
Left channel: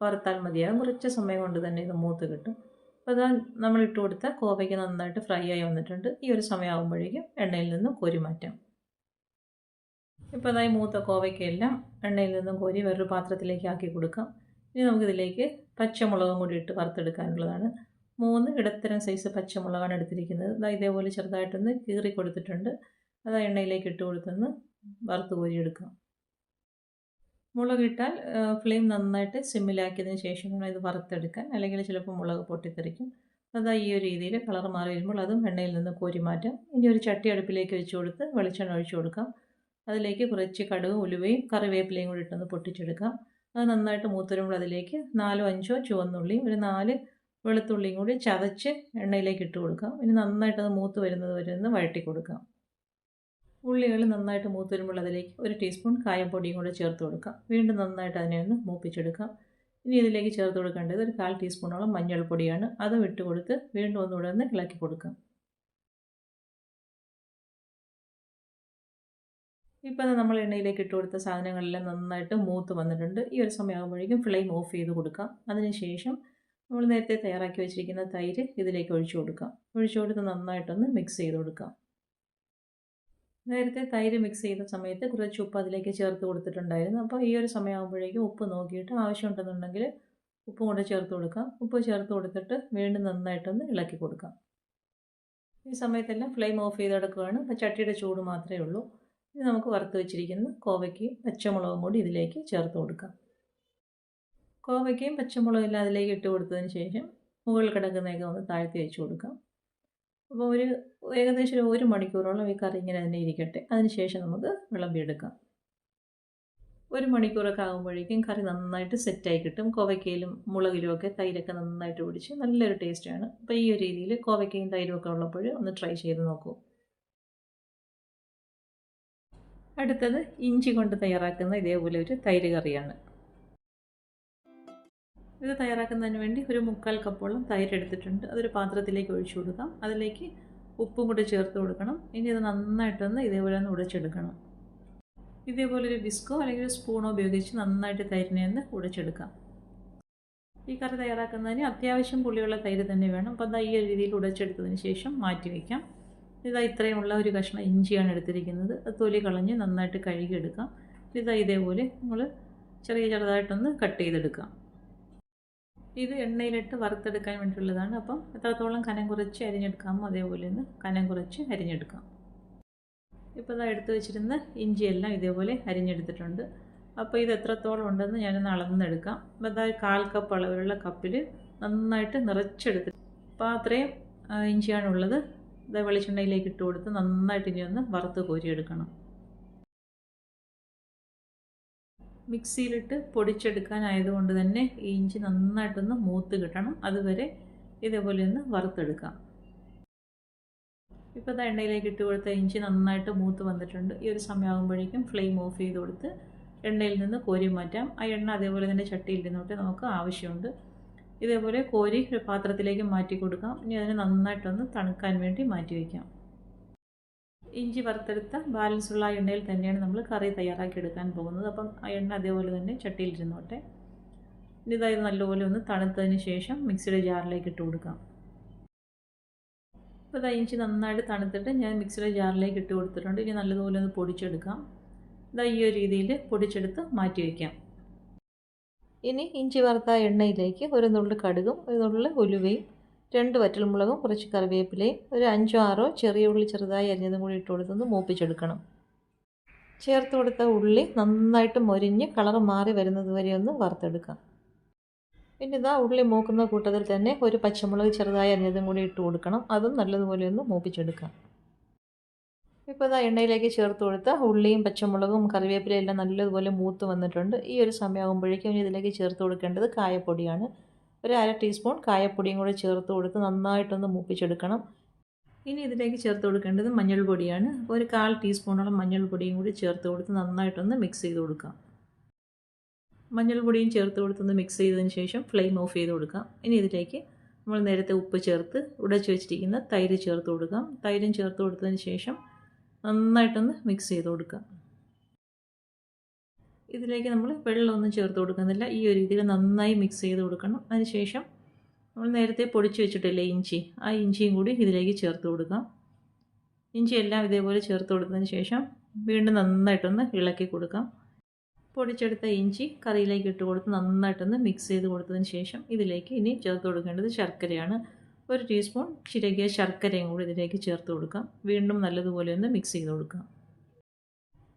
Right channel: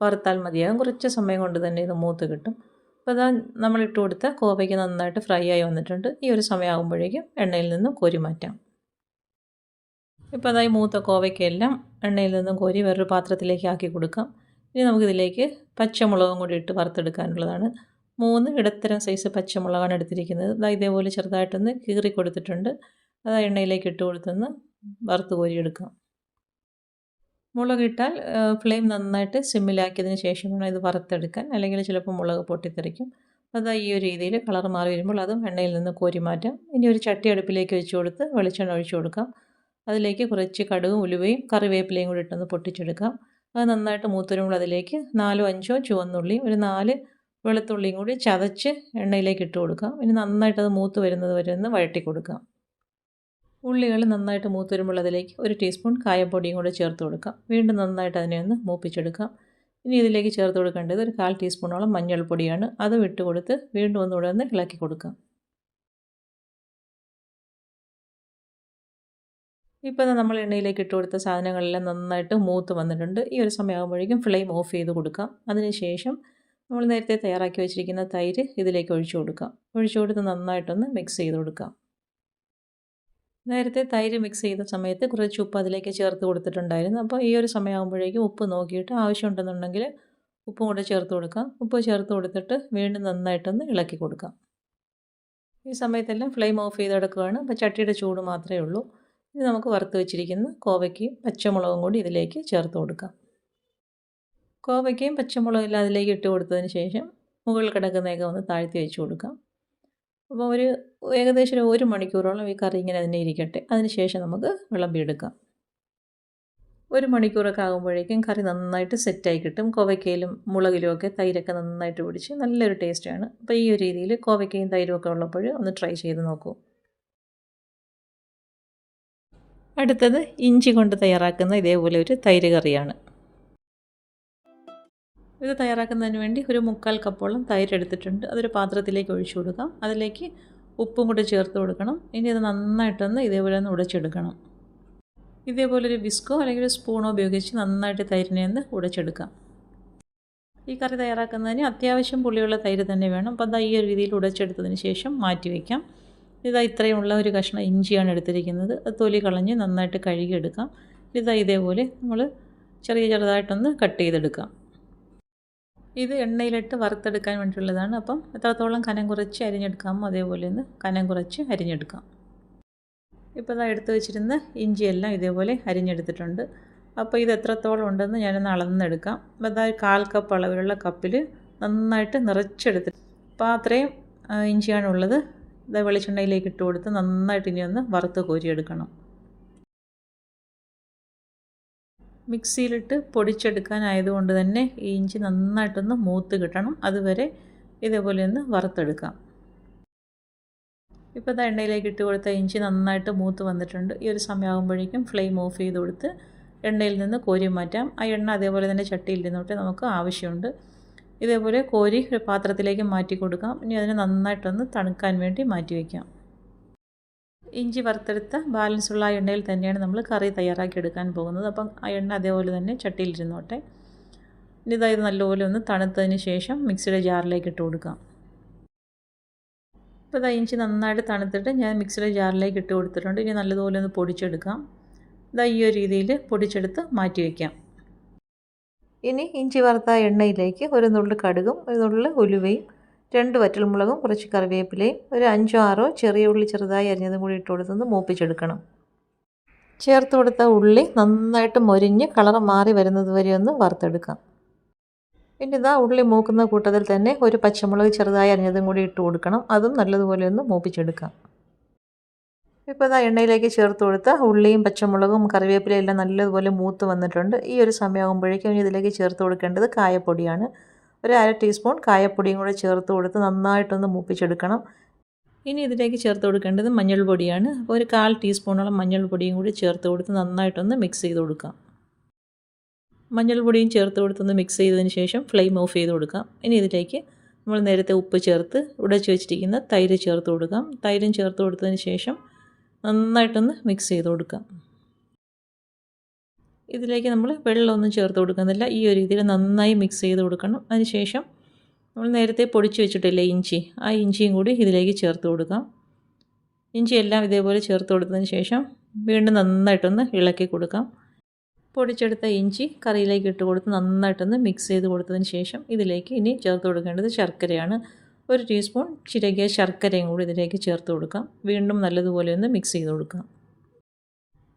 വറുത്താൽ മതിയാകും. കുറച്ച് സമയം കൊണ്ട് തന്നെ ഇത് മൂത്ത് കിട്ടും. അപ്പോൾ അതാ നമ്മളിട്ട് കൊടുത്ത കോവയ്ക്ക് നന്നായിട്ട് ഫ്രൈ ആയി വന്നിട്ടുണ്ട്. ഈ ഒരു സമയമാകുമ്പോഴേക്കും എണ്ണയിൽ നിന്നും കോരി മാറ്റാം. ഇപ്പോൾ അതായി മൂത്ത കോവയ്ക്കെല്ലാം എണ്ണയിൽ നിന്നും കോരി വേറൊരു പാത്രത്തിലേക്ക് ആക്കി കൊടുക്കാം. ഇനി നമുക്കിതിലേക്ക് പച്ചമുളകും കൂടി ഇട്ട് വറുത്തെടുക്കാനുള്ളതാണ്. 3 ഇടത്തരം സൈസ് പച്ചമുളകാണ് എടുത്തിരിക്കുന്നത്. ഇതേപോലെ ചെറുതായിട്ടൊന്ന് കീറി കൊടുത്തിട്ടുണ്ട്. അത് എണ്ണയിലേക്ക് ഇട്ട് കൊടുത്തൊന്ന് വറുത്ത് കോരിയെടുക്കാം. മുളകിട്ടാൽ ഫ്ലെയിം നന്നായിട്ട് സിമ്മിലാക്കിയതിന് ശേഷം വേണം ഇത് വറുത്തെടുക്കാൻ, അല്ലെങ്കിൽ ചിലപ്പോൾ മുളക് പൊട്ടിത്തെറിക്കും. അതാ ഈ ഒരു രീതിയിൽ കളർ മാറി വരുമ്പോൾ അതും എണ്ണയിൽ നിന്ന് കോരി മാറ്റാം. ഇനി ഒരു ചട്ടി അടുപ്പിലേക്ക് വെച്ച് കൊടുത്ത് വെളിച്ചെണ്ണ ഒഴിച്ചു കൊടുക്കാം. അതിലേക്ക് കുറച്ച് കടുകും ഉലുവയും കറിവേപ്പിലയും കൂടി ഇട്ടൊന്ന് പൊട്ടിച്ചെടുക്കാം. അത് നന്നായിട്ട് മൂത്ത് വരുമ്പോൾ അതിലേക്ക് 4 5 ചുവന്നുള്ളിയും ഒരു 4 വെളുത്തുള്ളിയും കൂടി ചതച്ച് എണ്ണയിലേക്ക് ഇട്ട് കൊടുക്കാം. ഇനി നന്നായിട്ട് അത് മൂത്ത് വരുന്നത് വരെ ഒന്ന് വഴറ്റി കൊടുക്കാം. ഉള്ളികൾ നന്നായിട്ട് മൂത്ത് വരുമ്പോൾ അതിലേക്ക് 1 ടീസ്പൂൺ കായപ്പൊടിയും കൂടെ ചേർത്ത് കൊടുക്കാം. വീണ്ടും നന്നായിട്ട് അതിനെ ഒന്ന് മൂപ്പിച്ചെടുക്കാം. ഇനി ഇതിലേക്ക് ചേർത്ത് കൊടുക്കേണ്ടത് ഒരു 1/4 ടീസ്പൂണോളം മഞ്ഞൾപ്പൊടിയാണ്. അതും ഇട്ട് കൊടുത്ത് വീണ്ടും ഒന്നുകൂടെ ഒന്ന് ഇളക്കി കൊടുക്കാം. ഇപ്പോൾ നമ്മൾ എണ്ണയിലേക്ക് ഇട്ട് കൊടുത്ത സാധനങ്ങളെല്ലാം നന്നായിട്ട് മൂത്ത് വന്നിട്ടുണ്ട്. ഈ ഒരു സമയമാകുമ്പോഴേക്കും ഫ്ലെയിം ഓഫ് ചെയ്ത് കൊടുക്കാം. അതിനുശേഷം നമ്മൾ നേരത്തെ തയ്യാറാക്കി വെച്ചിരിക്കുന്ന തൈര് ഇതിലേക്ക് ഒഴിച്ചു കൊടുക്കാം. ഒഴിച്ചു കൊടുത്ത് നന്നായിട്ടൊന്ന് മിക്സ് ചെയ്ത് കൊടുക്കാം. നേരത്തെ തൈര് മിക്സ് ചെയ്ത സമയത്ത് കുറച്ച് ഉപ്പ് അതിലേക്ക് ചേർത്ത് കൊടുത്തിട്ടുണ്ടായിരുന്നു. അപ്പോൾ ഈ ഒരു സമയമാകുമ്പോഴേക്കും ഉപ്പ് നോക്കിയിട്ട് ആവശ്യമുണ്ടെന്നുണ്ടെങ്കിൽ ഉപ്പും കൂടെ ചേർത്ത് കൊടുക്കാം. ഉപ്പ് ചേർത്ത് കൊടുത്തിട്ട് വീണ്ടും നന്നായിട്ടൊന്ന് ഇളക്കി കൊടുക്കാം. ഈ സമയത്തെല്ലാം ഫ്ലെയിം ഓഫ് ചെയ്തെടുക്കുകയാണ്. അപ്പോൾ ചട്ടിയുടെ ചൂട് മാത്രമേ ഉള്ളൂ. ഇനി നമുക്ക് വറുത്ത് വെച്ചിരിക്കുന്ന കോവയ്ക്കയും പച്ചമുളകും കൂടി ഇതിലേക്ക് ചേർത്ത് കൊടുക്കാം. കോവയ്ക്കയും പച്ചമുളകും അതിലേക്ക് ഇട്ട് കൊടുത്തതിന് ശേഷം മുകളിൽ കിടക്കുന്നതൊക്കെ ഒന്ന് താഴ്ത്തി വെച്ച് കൊടുക്കാം. അപ്പോൾ ഏകദേശം 1 മണിക്കൂറോളം ഈ കറി ഇങ്ങനെ തന്നെ ഇരിക്കട്ടെ. അതിന് ശേഷം നമുക്ക് വിളമ്പിയെടുക്കാം. 1 മണിക്കൂറൊക്കെ ആകുമ്പോഴേക്കും കറി നന്നായിട്ട് സെറ്റായി കിട്ടും. കോവയ്ക്കയിലും മുളകിലും ഒക്കെ തൈരൊക്കെ നന്നായിട്ട് പിടിച്ച് നല്ലൊരു ടേസ്റ്റാണ്. അപ്പോൾ ഈ ഒരു രീതിയിൽ കോവയ്ക്കയും തൈരും ഒക്കെ ഉള്ളപ്പോൾ ഒന്ന് ട്രൈ ചെയ്ത് നോക്കൂ. അടുത്തത് ഇഞ്ചി കൊണ്ട് തയ്യാറാക്കുന്ന ഇതേപോലെ ഒരു തൈര് കറിയാണ്. ഇത് തയ്യാറാക്കുന്നതിന് വേണ്ടി ഒരു 3/4 കപ്പോളം തൈര് എടുത്തിട്ടുണ്ട്. അതൊരു പാത്രത്തിലേക്ക് ഒഴിച്ചു കൊടുക്കാം. അതിലേക്ക് ഉപ്പും കൂടി ചേർത്ത് കൊടുക്കണം. ഇനി അത് നന്നായിട്ടൊന്ന് ഇതേപോലെ ഒന്ന് ഉടച്ചെടുക്കണം. ഇതേപോലെ ഒരു വിസ്കോ അല്ലെങ്കിൽ ഒരു സ്പൂണോ ഉപയോഗിച്ച് നന്നായിട്ട് തൈരിനെ ഒന്ന് ഉടച്ചെടുക്കാം. ഈ കറി തയ്യാറാക്കുന്നതിന് അത്യാവശ്യം പുളിയുള്ള തൈര് തന്നെ വേണം. അപ്പോൾ അത് ഈ ഒരു രീതിയിൽ ഉടച്ചെടുത്തതിന് ശേഷം മാറ്റി വയ്ക്കാം. ഇത്രയുമുള്ള ഒരു കഷ്ണം ഇഞ്ചിയാണ് എടുത്തിരിക്കുന്നത്. അത് തൊലി കളഞ്ഞ് നന്നായിട്ട് കഴുകിയെടുക്കാം. ഇതേപോലെ നമ്മൾ ചെറുതായിട്ടൊന്ന് കട്ട് ചെയ്തെടുക്കാം. ഇത് എണ്ണയിലിട്ട് വറുത്തെടുക്കാൻ വേണ്ടിയുള്ളതാണ്. അപ്പം എത്രത്തോളം കനം കുറച്ച് അരിഞ്ഞെടുക്കാമോ അതേപോലെ ഒന്ന് കനം കുറച്ച് അരിഞ്ഞെടുക്കാം. ഇപ്പോൾ എടുത്ത് വെച്ചിരുന്ന ഇഞ്ചിയെല്ലാം ഇതേപോലെ അരിഞ്ഞെടുത്തിട്ടുണ്ട്. അപ്പോൾ ഇത് എത്രത്തോളം ഉണ്ടെന്ന് ഞാനൊന്ന് അളന്നെടുക്കാം. അപ്പോൾ 1/4 കപ്പ് അളവിലുള്ള കപ്പിൽ നന്നായിട്ട് നിറച്ചെടുത്തിട്ട് അപ്പോൾ അത്രയും ഇഞ്ചിയാണുള്ളത്. വെളിച്ചെണ്ണയിലേക്ക് ഇട്ട് കൊടുത്ത് നന്നായിട്ട് ഇനി ഒന്ന് വറുത്ത് കോരിയെടുക്കണം. മിക്സിയിലിട്ട് പൊടിച്ചെടുക്കാനായതുകൊണ്ട് തന്നെ ഈ ഇഞ്ചി നന്നായിട്ടൊന്ന് മൂത്ത് കിട്ടണം. അതുവരെ ഇതേപോലെ ഒന്ന് വറുത്തെടുക്കാം. ഇപ്പോൾ എണ്ണയിലേക്ക് ഇട്ട് കൊടുത്ത ഇഞ്ചി നന്നായിട്ട് മൂത്ത് വന്നിട്ടുണ്ട്. ഈ ഒരു സമയമാകുമ്പോഴേക്കും ഫ്ലെയിം ഓഫ് ചെയ്ത് കൊടുത്ത് എണ്ണയിൽ നിന്ന് കോരി മാറ്റാം. ആ എണ്ണ അതേപോലെ തന്നെ ചട്ടിയിൽ നിന്നോട്ട് നമുക്ക് ആവശ്യമുണ്ട്. ഇതേപോലെ കോരി ഒരു പാത്രത്തിലേക്ക് മാറ്റി കൊടുക്കാം. ഇനി അതിനെ നന്നായിട്ടൊന്ന് തണുക്കാൻ വേണ്ടി മാറ്റി വയ്ക്കാം. ഇഞ്ചി വറുത്തെടുത്ത ബാലൻസുള്ള ആ എണ്ണയിൽ തന്നെയാണ് നമ്മൾ കറി തയ്യാറാക്കി എടുക്കാൻ പോകുന്നത്. അപ്പം ആ എണ്ണ അതേപോലെ തന്നെ ചട്ടിയിലിരുന്നോട്ടെ. ഇനി ഇത് നല്ലപോലെ ഒന്ന് തണുത്തതിന് ശേഷം മിക്സിയുടെ ജാറിലേക്ക് ഇട്ട് കൊടുക്കാം. ഇപ്പോൾ ഇഞ്ചി നന്നായിട്ട് തണുത്തിട്ട് ഞാൻ മിക്സിയുടെ ജാറിലേക്ക് ഇട്ട് കൊടുത്തിട്ടുണ്ട്. ഇനി നല്ലതുപോലെ ഒന്ന് പൊടിച്ചെടുക്കാം. ഈ ഒരു രീതിയിൽ പൊടിച്ചെടുത്ത് മാറ്റി വയ്ക്കാം. ഇനി ഇഞ്ചി വറുത്ത എണ്ണയിലേക്ക് ഒരു നുള്ളു കടുകും ഒരു നുള്ളു ഉലുവയും 2 വറ്റൽമുളകും കുറച്ച് കറിവേപ്പിലയും ഒരു 5 6 ചെറിയ ഉള്ളി ചെറുതായി അരിഞ്ഞതും കൂടി ഇട്ട് കൊടുത്തൊന്ന് മൂപ്പിച്ചെടുക്കണം. ചേർത്ത് കൊടുത്ത ഉള്ളി നന്നായിട്ട് മൊരിഞ്ഞ് കളർ മാറി വരുന്നത് വരെ ഒന്ന് വറുത്തെടുക്കാം. പിന്നെ ഉള്ളി മൂക്കുന്ന കൂട്ടത്തിൽ തന്നെ ഒരു പച്ചമുളക് ചെറുതായി അരിഞ്ഞതും കൂടി ഇട്ട് കൊടുക്കണം. അതും നല്ലതുപോലെ ഒന്ന് മൂപ്പിച്ചെടുക്കാം. ഇപ്പോൾ എണ്ണയിലേക്ക് ചേർത്ത് കൊടുത്ത ഉള്ളിയും പച്ചമുളകും കറിവേപ്പിലയും എല്ലാം നല്ലതുപോലെ മൂത്ത് വന്നിട്ടുണ്ട്. ഈ ഒരു സമയമാകുമ്പോഴേക്കും ഇതിലേക്ക് ചേർത്ത് കൊടുക്കേണ്ടത് കായപ്പൊടിയാണ്. ഒരു 1/2 ടീസ്പൂൺ കായപ്പൊടിയും കൂടെ ചേർത്ത് കൊടുത്ത് നന്നായിട്ടൊന്ന് മൂപ്പിച്ചെടുക്കണം. ഇനി ഇതിലേക്ക് ചേർത്ത് കൊടുക്കേണ്ടത് മഞ്ഞൾപ്പൊടിയാണ്. അപ്പോൾ ഒരു 1/4 ടീസ്പൂണോളം മഞ്ഞൾപ്പൊടിയും കൂടി ചേർത്ത് കൊടുത്ത് നന്നായിട്ടൊന്ന് മിക്സ് ചെയ്ത് കൊടുക്കാം. മഞ്ഞൾപ്പൊടിയും ചേർത്ത് കൊടുത്തൊന്ന് മിക്സ് ചെയ്തതിന് ശേഷം ഫ്ലെയിം ഓഫ് ചെയ്ത് കൊടുക്കാം. ഇനി ഇതിലേക്ക് നമ്മൾ നേരത്തെ ഉപ്പ് ചേർത്ത് ഉടച്ച് വെച്ചിരിക്കുന്ന തൈര് ചേർത്ത് കൊടുക്കാം. തൈരും ചേർത്ത് കൊടുത്തതിന് ശേഷം നന്നായിട്ടൊന്ന് മിക്സ് ചെയ്ത് കൊടുക്കാം. ഇതിലേക്ക് നമ്മൾ വെള്ളമൊന്നും ചേർത്ത് കൊടുക്കുന്നില്ല. ഈ ഒരു രീതിയിൽ നന്നായി മിക്സ് ചെയ്ത് കൊടുക്കണം. അതിനുശേഷം നമ്മൾ നേരത്തെ പൊടിച്ച് വെച്ചിട്ടില്ലേ ഇഞ്ചി, ആ ഇഞ്ചിയും കൂടി ഇതിലേക്ക് ചേർത്ത് കൊടുക്കാം. ഇഞ്ചി എല്ലാം ഇതേപോലെ ചേർത്ത് കൊടുത്തതിന് ശേഷം വീണ്ടും നന്നായിട്ടൊന്ന് ഇളക്കി കൊടുക്കാം. പൊടിച്ചെടുത്ത ഇഞ്ചി കറിയിലേക്ക് ഇട്ട് കൊടുത്ത് നന്നായിട്ടൊന്ന് മിക്സ് ചെയ്ത് കൊടുത്തതിന് ശേഷം ഇതിലേക്ക് ഇനി ചേർത്ത് കൊടുക്കേണ്ടത് ശർക്കരയാണ്. 1 ടീസ്പൂൺ ചിരകിയ ശർക്കരയും കൂടി ഇതിലേക്ക് ചേർത്ത് കൊടുക്കാം. വീണ്ടും നല്ലതുപോലെ ഒന്ന് മിക്സ് ചെയ്ത് കൊടുക്കാം.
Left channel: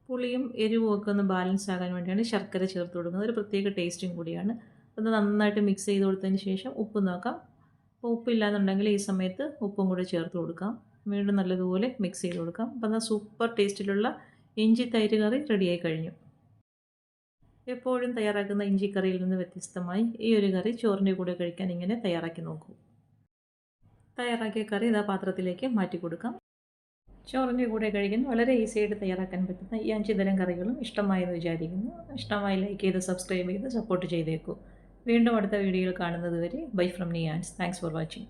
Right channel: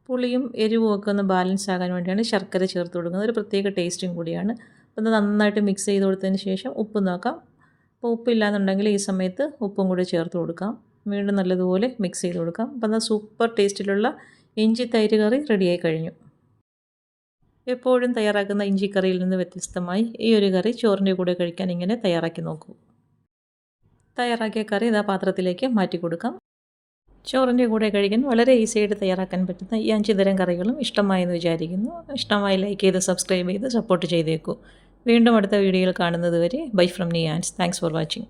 പുളിയും എരിവും ഒക്കെ ഒന്ന് ബാലൻസ് ആകാൻ വേണ്ടിയാണ് ശർക്കര ചേർത്ത് കൊടുക്കുന്നത്. ഒരു പ്രത്യേക ടേസ്റ്റും കൂടിയാണ്. അപ്പോൾ നന്നായിട്ട് മിക്സ് ചെയ്ത് കൊടുത്തതിന് ശേഷം ഉപ്പ് നോക്കാം. അപ്പോൾ ഉപ്പില്ലാന്നുണ്ടെങ്കിൽ ഈ സമയത്ത് ഉപ്പും കൂടി ചേർത്ത് കൊടുക്കാം. വീണ്ടും നല്ലതുപോലെ മിക്സ് ചെയ്ത് കൊടുക്കാം. അപ്പോൾ എന്നാൽ സൂപ്പർ ടേസ്റ്റിലുള്ള ഇഞ്ചി തൈര് കറി റെഡിയായി കഴിഞ്ഞു. എപ്പോഴും തയ്യാറാക്കുന്ന ഇഞ്ചിക്കറിയിൽ നിന്ന് വ്യത്യസ്തമായി ഈ ഒരു കറി ചോറിൻ്റെ കൂടെ കഴിക്കാൻ ഇങ്ങനെ തയ്യാറാക്കി നോക്കൂ. തയ്യാറാക്കിയ കറി ഇതാ പാത്രത്തിലേക്ക് മാറ്റി കൊടുക്കാം. ചോറിൻ്റെ കൂടെ കഴിക്കാൻ വളരെ ഈസിയായിട്ട് തയ്യാറാക്കാൻ പറ്റുന്ന ഈ 5 തരം കറികളും ഇഷ്ടമായെന്ന് വിചാരിക്കുന്നു. ഇഷ്ടമായി ലൈക്ക് ചെയ്ത് സബ്സ്ക്രൈബ് ചെയ്ത് സപ്പോർട്ട് ചെയ്തേക്കൂ. വീണ്ടും അടുത്ത വീഡിയോയിൽ കാണുന്നത് വരെ bye from Niyans. Thanks for watching.